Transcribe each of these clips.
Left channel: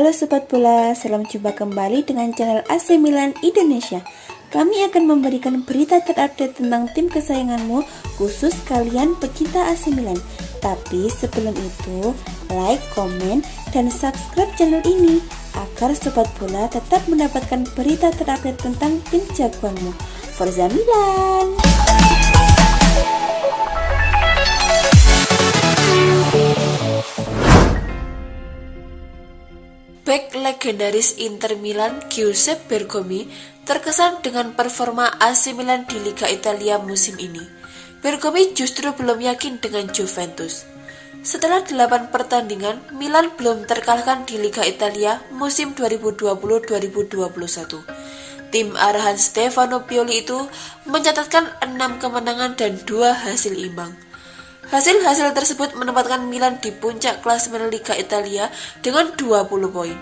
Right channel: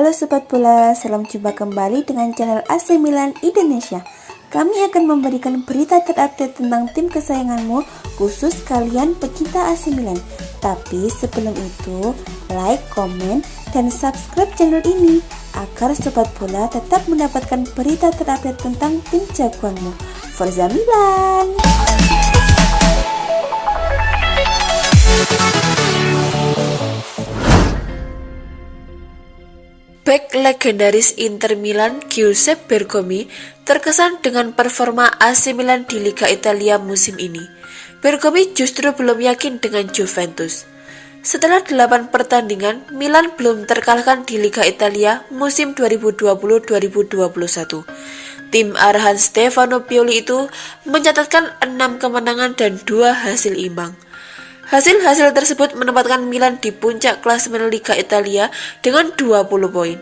Halo Sobat Bola, salam jumpa kembali dengan channel AC Milan Indonesia. Kami akan memberikan berita terupdate tentang tim kesayanganmu, khusus kalian pecinta AC Milan. Tapi sebelum itu, like, komen, dan subscribe channel ini agar Sobat Bola tetap mendapatkan berita terupdate tentang tim jagoanmu. Forza Milan! Bek legendaris Inter Milan Giuseppe Bergomi terkesan dengan performa AC Milan di Liga Italia musim ini. Bergomi justru belum yakin dengan Juventus. Setelah 8 pertandingan, Milan belum terkalahkan di Liga Italia musim 2020-2021. Tim arahan Stefano Pioli itu mencatatkan 6 kemenangan dan 2 hasil imbang. Hasil-hasil tersebut menempatkan Milan di puncak klasemen Liga Italia dengan 20 poin.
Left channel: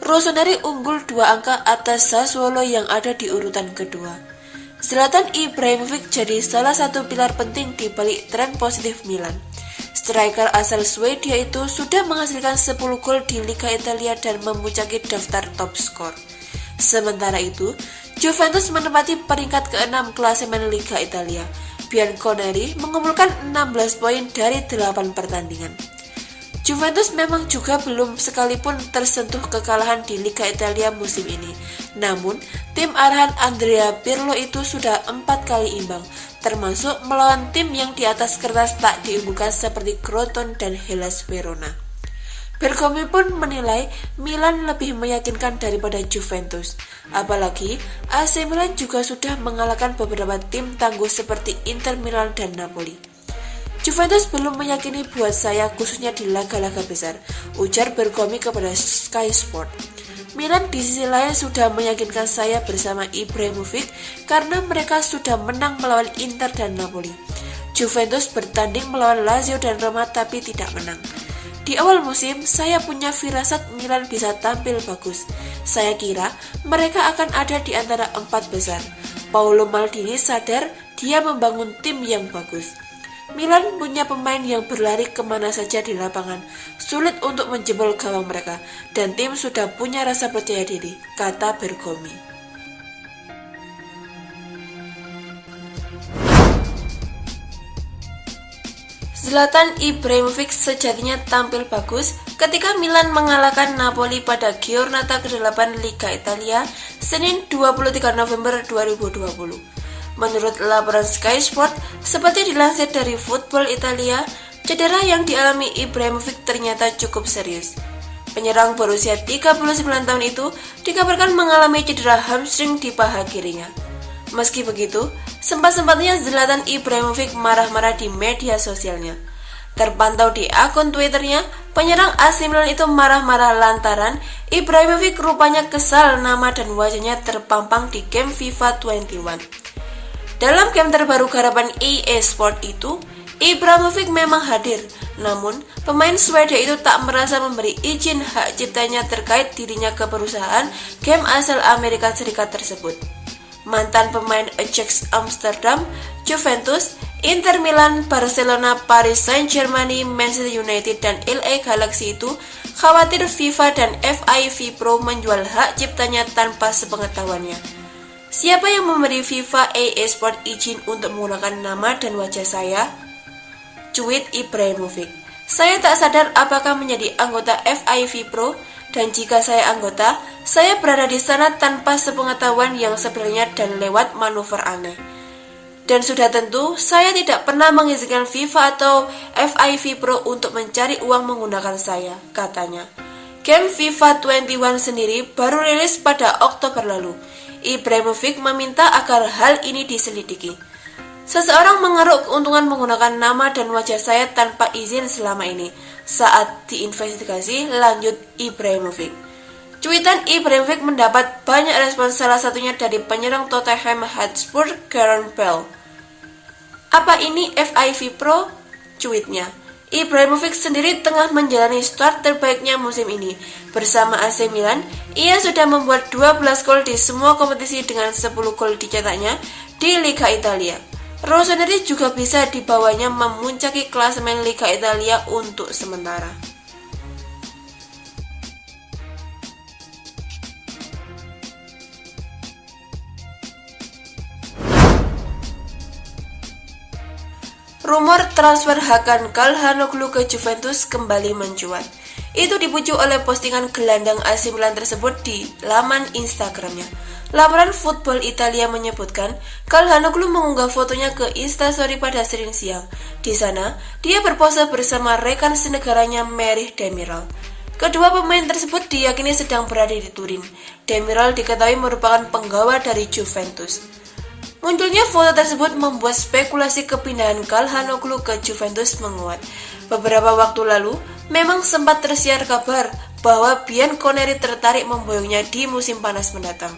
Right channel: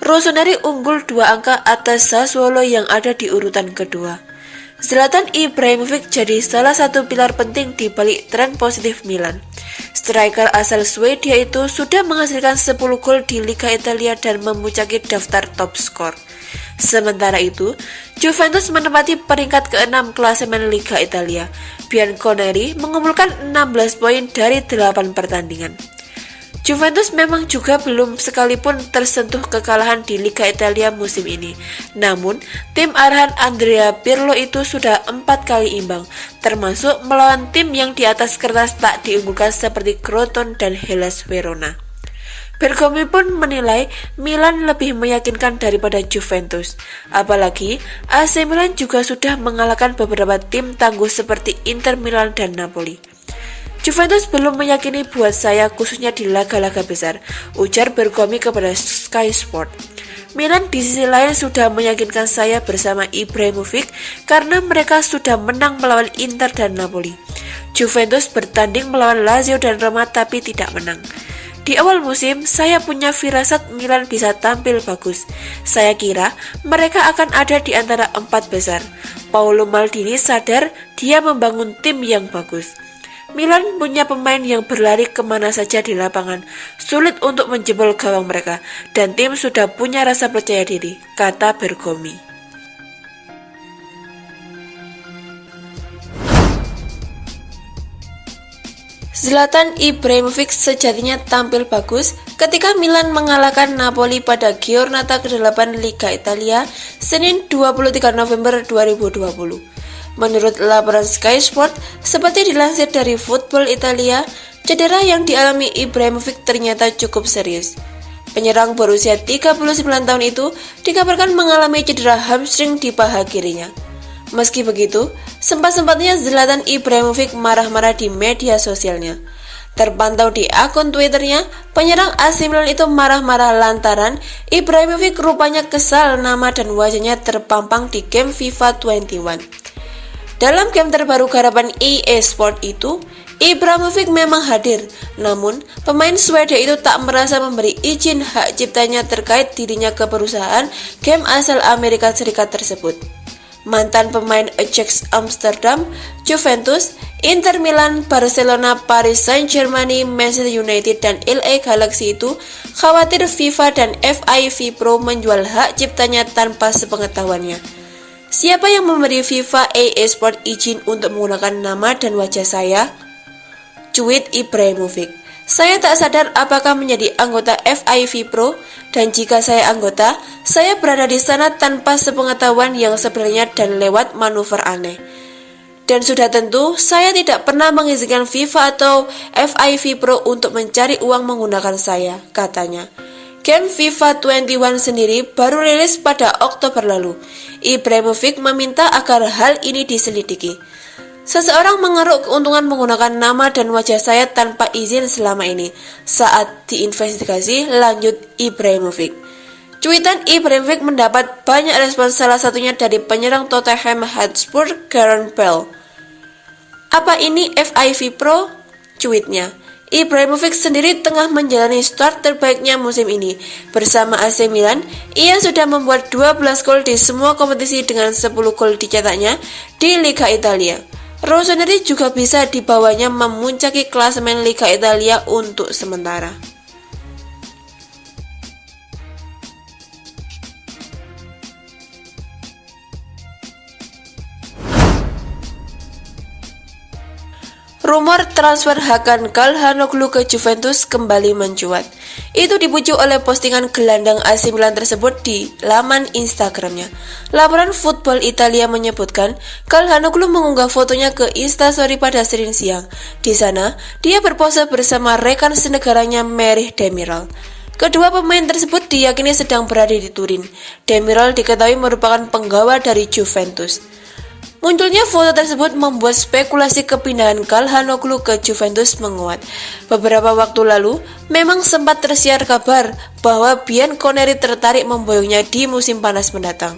Rossoneri unggul 2 angka atas Sassuolo yang ada di urutan kedua. Zlatan Ibrahimovic jadi salah satu pilar penting di balik tren positif Milan. Striker asal Swedia itu sudah menghasilkan 10 gol di Liga Italia dan memuncaki daftar top skor. Sementara itu, Juventus menempati peringkat ke-6 klasemen Liga Italia. Bianconeri mengumpulkan 16 poin dari 8 pertandingan. Juventus memang juga belum sekalipun tersentuh kekalahan di Liga Italia musim ini. Namun, tim arahan Andrea Pirlo itu sudah 4 kali imbang, termasuk melawan tim yang di atas kertas tak diunggulkan seperti Crotone dan Hellas Verona. Bergomi pun menilai Milan lebih meyakinkan daripada Juventus. Apalagi AC Milan juga sudah mengalahkan beberapa tim tangguh seperti Inter Milan dan Napoli. Juventus belum meyakini buat saya khususnya di laga-laga besar, ujar Bergomi kepada Sky Sport. Milan di sisi lain sudah meyakinkan saya bersama Ibrahimovic karena mereka sudah menang melawan Inter dan Napoli. Juventus bertanding melawan Lazio dan Roma tapi tidak menang. Di awal musim, saya punya firasat Milan bisa tampil bagus. Saya kira mereka akan ada di antara 4 besar. Paolo Maldini sadar dia membangun tim yang bagus. Milan punya pemain yang berlari kemana saja di lapangan, sulit untuk menjebol gawang mereka, dan tim sudah punya rasa percaya diri, kata Bergomi. Zlatan Ibrahimovic sejatinya tampil bagus ketika Milan mengalahkan Napoli pada Giornata ke-8 Liga Italia Senin 23 November 2020. Menurut laporan Sky Sport, seperti dilansir dari Football Italia, cedera yang dialami Ibrahimovic ternyata cukup serius. Penyerang berusia 39 tahun itu dikabarkan mengalami cedera hamstring di paha kirinya. Meski begitu, sempat-sempatnya Zlatan Ibrahimovic marah-marah di media sosialnya. Terpantau di akun Twitternya, penyerang AC Milan itu marah-marah lantaran Ibrahimovic rupanya kesal nama dan wajahnya terpampang di game FIFA 21. Dalam game terbaru garapan EA Sport itu, Ibrahimovic memang hadir, namun pemain Swedia itu tak merasa memberi izin hak ciptanya terkait dirinya ke perusahaan game asal Amerika Serikat tersebut. Mantan pemain Ajax Amsterdam, Juventus, Inter Milan, Barcelona, Paris Saint-Germain, Manchester United, dan LA Galaxy itu khawatir FIFA dan FIV Pro menjual hak ciptanya tanpa sepengetahuannya. Siapa yang memberi FIFA EA Sport izin untuk menggunakan nama dan wajah saya? Cuit Ibrahimovic. Saya tak sadar apakah menjadi anggota FIV Pro, dan jika saya anggota, saya berada di sana tanpa sepengetahuan yang sebenarnya dan lewat manuver aneh. Dan sudah tentu, saya tidak pernah mengizinkan FIFA atau FIV Pro untuk mencari uang menggunakan saya, katanya. Game FIFA 21 sendiri baru rilis pada Oktober lalu. Ibrahimovic meminta agar hal ini diselidiki. Seseorang mengeruk keuntungan menggunakan nama dan wajah saya tanpa izin selama ini. Saat diinvestigasi, lanjut Ibrahimovic. Cuitan Ibrahimovic mendapat banyak respon, salah satunya dari penyerang Tottenham Hotspur, Gareth Bale. Apa ini FIV Pro? Cuitnya. Ibrahimovic sendiri tengah menjalani start terbaiknya musim ini. Bersama AC Milan, ia sudah membuat 12 gol di semua kompetisi dengan 10 gol dicetaknya di Liga Italia. Rossoneri juga bisa dibawanya memuncaki klasemen Liga Italia untuk sementara. rumor transfer Hakan Calhanoglu ke Juventus kembali mencuat. Itu dipicu oleh postingan gelandang AC Milan tersebut di laman Instagramnya. Laporan Football Italia menyebutkan Calhanoglu mengunggah fotonya ke Instastory pada Senin siang. Di sana, dia berpose bersama rekan senegaranya Merih Demiral. Kedua pemain tersebut diyakini sedang berada di Turin. Demiral diketahui merupakan penggawa dari Juventus. Munculnya foto tersebut membuat spekulasi kepindahan Calhanoglu ke Juventus menguat. Beberapa waktu lalu, memang sempat tersiar kabar bahwa Bianconeri tertarik memboyongnya di musim panas mendatang.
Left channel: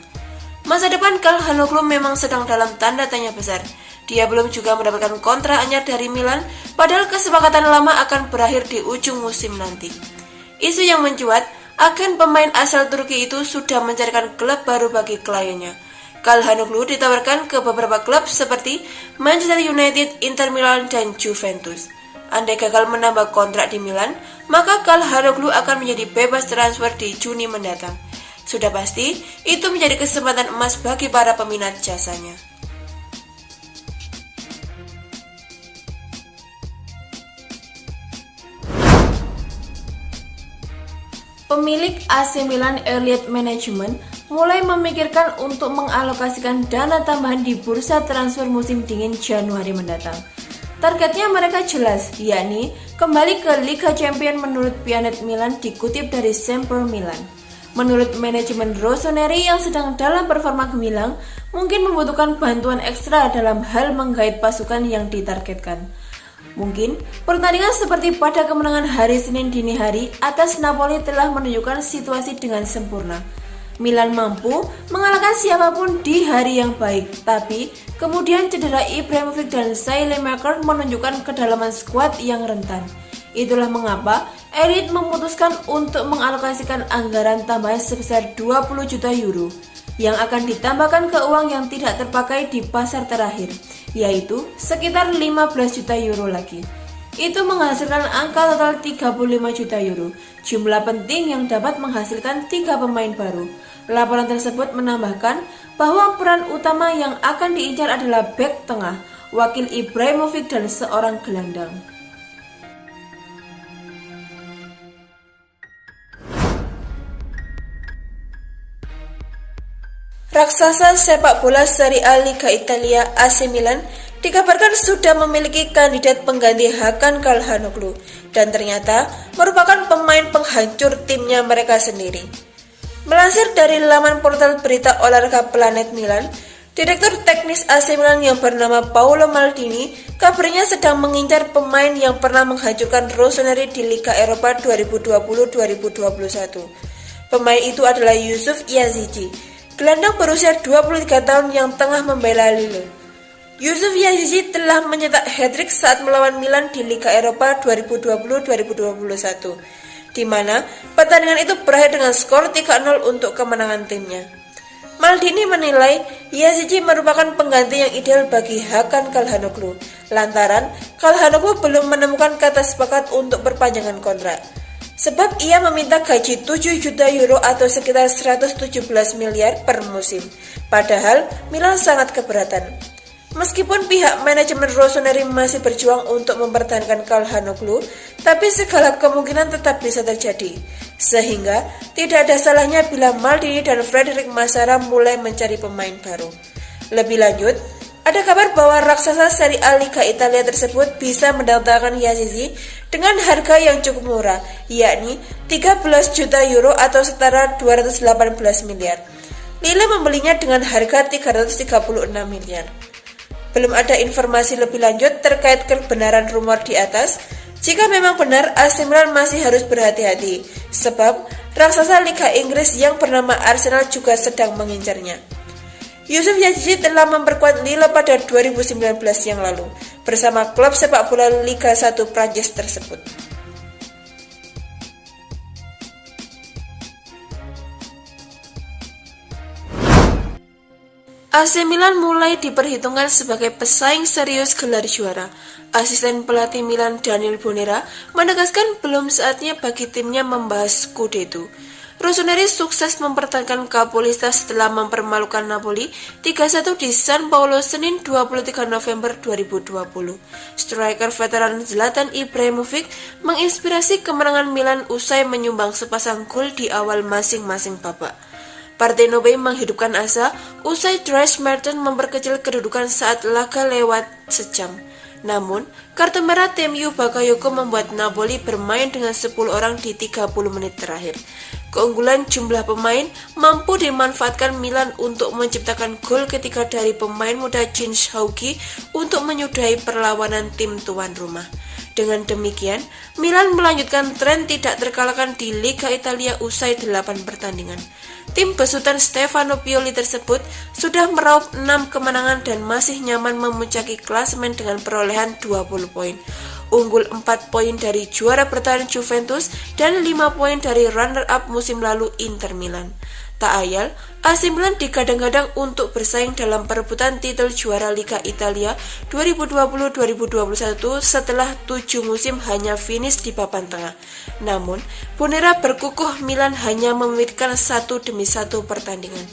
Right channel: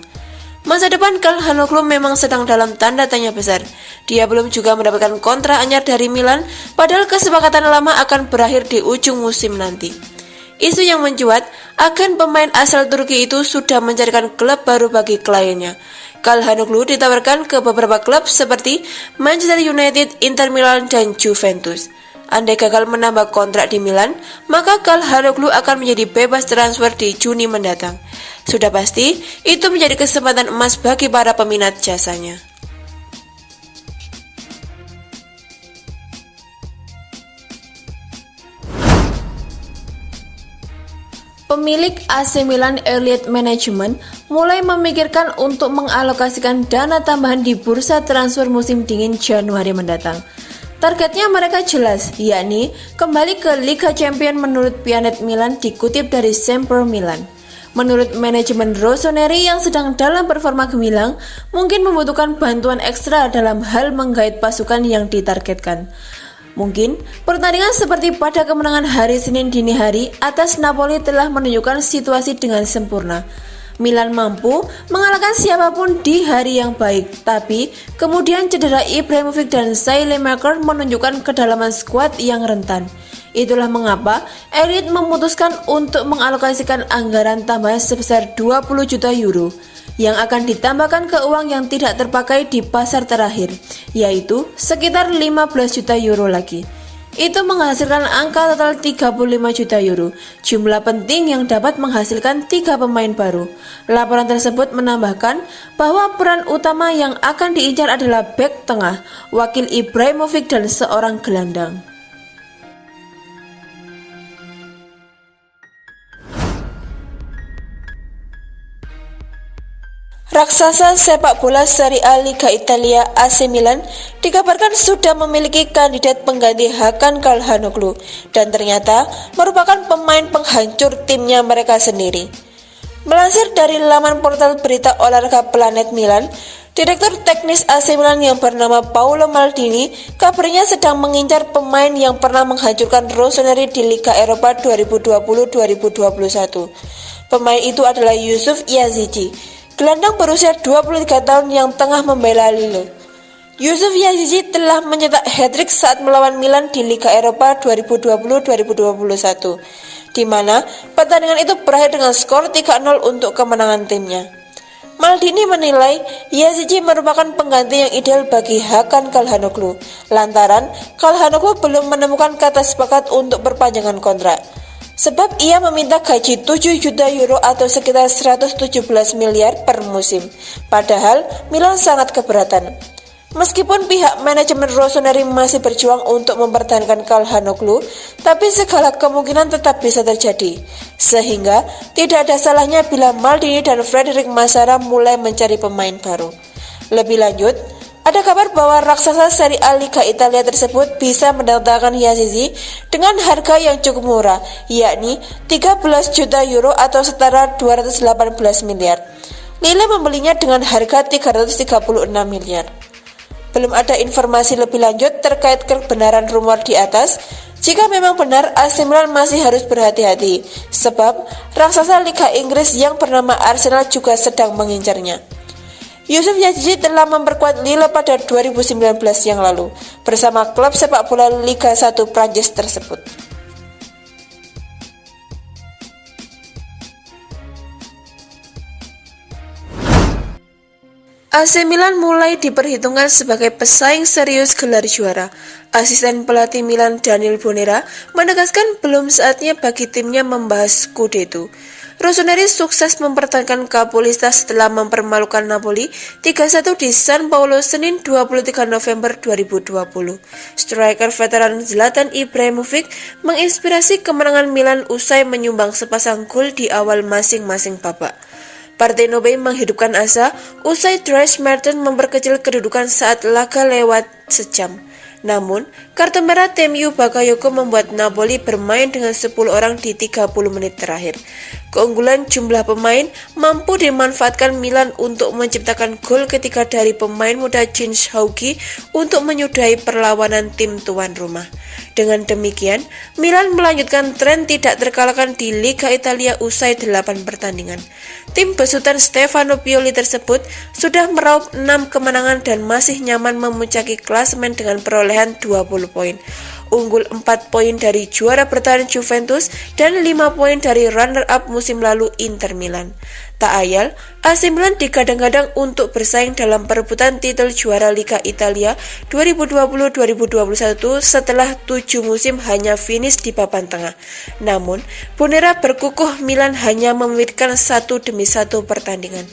Masa depan Calhanoglu memang sedang dalam tanda tanya besar. Dia belum juga mendapatkan kontrak anyar dari Milan, padahal kesepakatan lama akan berakhir di ujung musim nanti. Isu yang mencuat, agen pemain asal Turki itu sudah mencarikan klub baru bagi kliennya. Calhanoglu ditawarkan ke beberapa klub seperti Manchester United, Inter Milan, dan Juventus. Andai gagal menambah kontrak di Milan, maka Calhanoglu akan menjadi bebas transfer di Juni mendatang. Sudah pasti, itu menjadi kesempatan emas bagi para peminat jasanya. Pemilik AC Milan Elliott Management mulai memikirkan untuk mengalokasikan dana tambahan di bursa transfer musim dingin Januari mendatang. Targetnya mereka jelas, yakni kembali ke Liga Champions menurut Pianet Milan dikutip dari Sempre Milan. Menurut manajemen Rossoneri yang sedang dalam performa gemilang, mungkin membutuhkan bantuan ekstra dalam hal menggait pasukan yang ditargetkan. Mungkin pertandingan seperti pada kemenangan hari Senin dini hari atas Napoli telah menunjukkan situasi dengan sempurna. Milan mampu mengalahkan siapapun di hari yang baik, tapi kemudian cedera Ibrahimovic dan Saelemaekers menunjukkan kedalaman skuad yang rentan. Itulah mengapa Elliott memutuskan untuk mengalokasikan anggaran tambahan sebesar 20 juta euro yang akan ditambahkan ke uang yang tidak terpakai di pasar terakhir, yaitu sekitar 15 juta euro lagi. Itu menghasilkan angka total 35 juta euro, jumlah penting yang dapat menghasilkan 3 pemain baru. Laporan tersebut menambahkan bahwa peran utama yang akan diincar adalah bek tengah, wakil Ibrahimovic dan seorang gelandang. Raksasa sepak bola Serie A Liga Italia AC Milan dikabarkan sudah memiliki kandidat pengganti Hakan Calhanoglu dan ternyata merupakan pemain penghancur timnya mereka sendiri. Melansir dari laman portal berita olahraga Planet Milan, Direktur teknis AC Milan yang bernama Paolo Maldini kabarnya sedang mengincar pemain yang pernah menghancurkan Rossoneri di Liga Eropa 2020-2021. Pemain itu adalah Yusuf Yazici, gelandang berusia 23 tahun yang tengah membela Lille. Yusuf Yazici telah mencetak hat-trick saat melawan Milan di Liga Eropa 2020-2021, di mana pertandingan itu berakhir dengan skor 3-0 untuk kemenangan timnya. Maldini menilai Yazici merupakan pengganti yang ideal bagi Hakan Calhanoglu, lantaran Calhanoglu belum menemukan kata sepakat untuk perpanjangan kontrak. Sebab ia meminta gaji 7 juta euro atau sekitar 117 miliar per musim. Padahal Milan sangat keberatan. Meskipun pihak manajemen Rossoneri masih berjuang untuk mempertahankan Calhanoglu, tapi segala kemungkinan tetap bisa terjadi. Sehingga tidak ada salahnya bila Maldini dan Frederic Massara mulai mencari pemain baru. Lebih lanjut, ada kabar bahwa raksasa Serie A Liga Italia tersebut bisa mendatangkan Yazici dengan harga yang cukup murah, yakni 13 juta euro atau setara 218 miliar. Lille membelinya dengan harga 336 miliar. Belum ada informasi lebih lanjut terkait kebenaran rumor di atas. Jika memang benar, AC Milan masih harus berhati-hati, sebab raksasa Liga Inggris yang bernama Arsenal juga sedang mengincarnya. Yusuf Yazici telah memperkuat Lille pada 2019 yang lalu bersama klub sepak bola Liga 1 Prancis tersebut. AC Milan mulai diperhitungkan sebagai pesaing serius gelar juara. Asisten pelatih Milan Daniel Bonera menegaskan belum saatnya bagi timnya membahas Scudetto. Rossoneri sukses mempertahankan Capolista setelah mempermalukan Napoli 3-1 di San Paolo Senin 23 November 2020. Striker veteran Zlatan Ibrahimovic menginspirasi kemenangan Milan usai menyumbang sepasang gol di awal masing-masing babak. Partenope menghidupkan asa usai Dries Mertens memperkecil kedudukan saat laga lewat sejam. Namun, kartu merah Temiu Bakayoko membuat Napoli bermain dengan 10 orang di 30 menit terakhir. Keunggulan jumlah pemain mampu dimanfaatkan Milan untuk menciptakan gol ketiga dari pemain muda Jens Hauge untuk menyudahi perlawanan tim tuan rumah. Dengan demikian, Milan melanjutkan tren tidak terkalahkan di Liga Italia usai 8 pertandingan. Tim besutan Stefano Pioli tersebut sudah meraup 6 kemenangan dan masih nyaman memuncaki klasemen dengan perolehan 20 poin. Unggul 4 poin dari juara bertahan Juventus dan 5 poin dari runner-up musim lalu Inter Milan. Tak ayal, AC Milan digadang-gadang untuk bersaing dalam perebutan titel juara Liga Italia 2020-2021 setelah 7 musim hanya finish di papan tengah. Namun, Bonera berkukuh Milan hanya memikirkan 1 demi 1 pertandingan.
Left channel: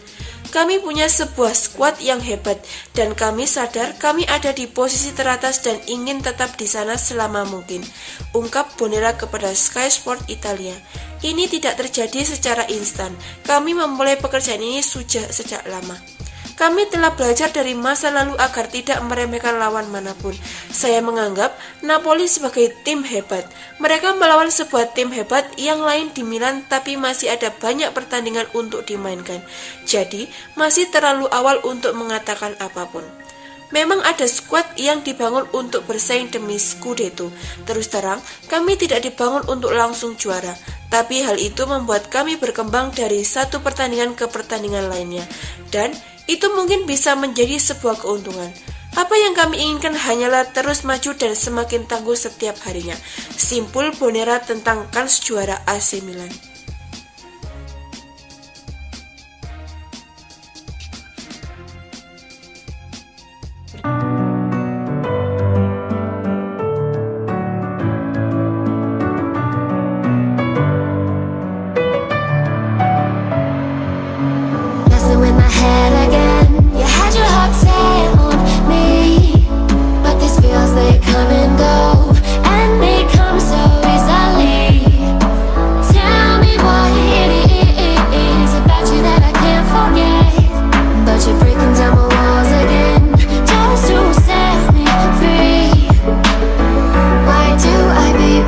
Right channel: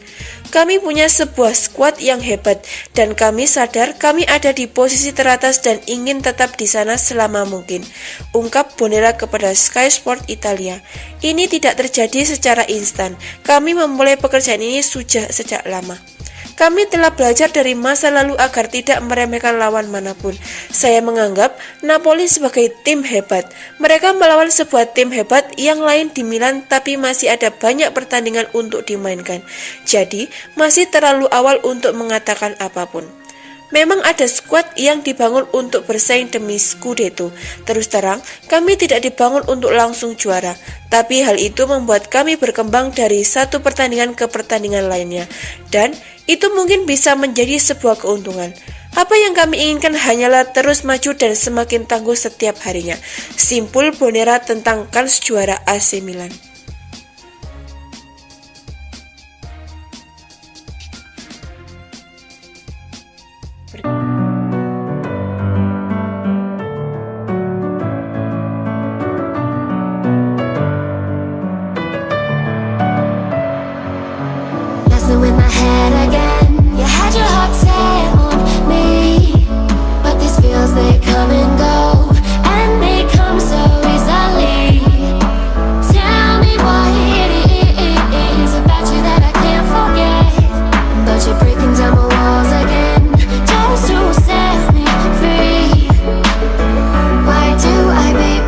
Kami punya sebuah skuad yang hebat dan kami sadar kami ada di posisi teratas dan ingin tetap di sana selama mungkin, ungkap Bonera kepada Sky Sport Italia. Ini tidak terjadi secara instan. Kami memulai pekerjaan ini sejak lama. Kami telah belajar dari masa lalu agar tidak meremehkan lawan manapun. Saya menganggap Napoli sebagai tim hebat. Mereka melawan sebuah tim hebat yang lain di Milan, tapi masih ada banyak pertandingan untuk dimainkan. Jadi, masih terlalu awal untuk mengatakan apapun. Memang ada skuad yang dibangun untuk bersaing demi Scudetto. Terus terang, kami tidak dibangun untuk langsung juara. Tapi hal itu membuat kami berkembang dari satu pertandingan ke pertandingan lainnya. Dan itu mungkin bisa menjadi sebuah keuntungan. Apa yang kami inginkan hanyalah terus maju dan semakin tangguh setiap harinya. Simpul Bonera tentang kans juara AC Milan.